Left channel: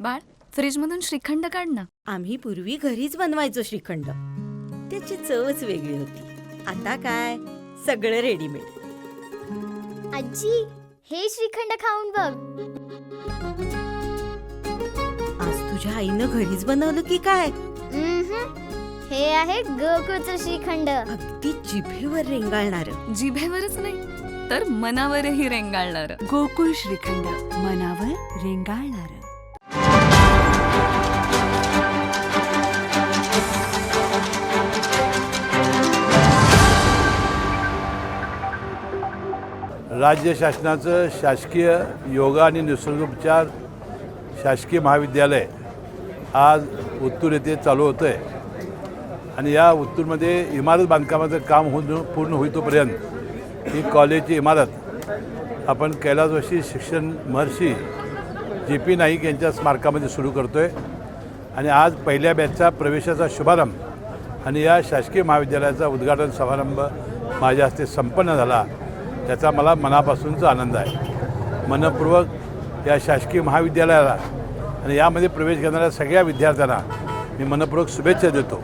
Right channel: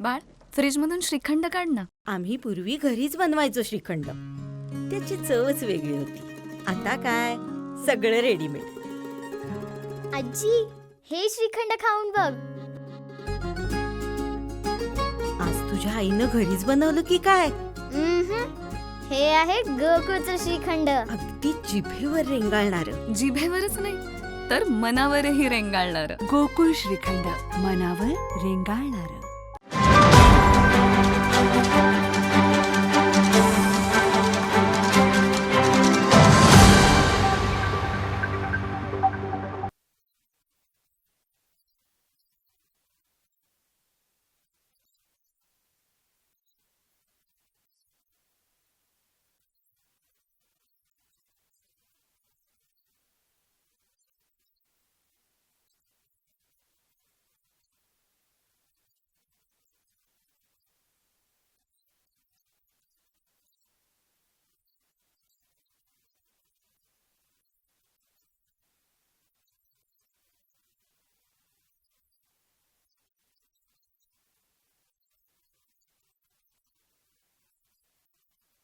बाळ, फ्रीजमधून श्रीखंड काढ ना. आम्ही पूर्वी घरीच बनवायचो श्रीखंड. त्याची चवच वेगळी होती. आता काय सगळं रेडीमेड. आजी, हे श्रीखंड खाऊन बघ. आज तुझ्या आईनं घरीच बनवलं की काय? हे आहे गोकुळचं श्रीखंड. अगदी जिभेवर रेंगाळणार. जिभेवरच नाही तर मनावरही रेंगाळणार. गोकुळ श्रीखंड, मनावर रेंगाळणार. राज्य शासनाचं शासकीय योगा आणि निसर्गोपचार शासकीय महाविद्यालय आज उत्तूर येथे चालू होतं आहे. आणि या उत्तूरमध्ये इमारत बांधकामाचं काम पूर्ण होईतोपर्यंत ही कॉलेजची इमारत आपण कैलासवासी शिक्षण महर्षी JP नाईक यांच्या स्मारकामध्ये सुरू करतो आहे. आणि आज पहिल्या बॅचचा प्रवेशाचा शुभारंभ आणि या शासकीय महाविद्यालयाचा उद्घाटन समारंभ माझ्या हस्ते संपन्न झाला. त्याचा मला मनापासूनचा आनंद आहे. मनपूर्वक या शासकीय महाविद्यालयाला आणि यामध्ये प्रवेश घेणाऱ्या सगळ्या विद्यार्थ्यांना मी मनपूर्वक शुभेच्छा देतो.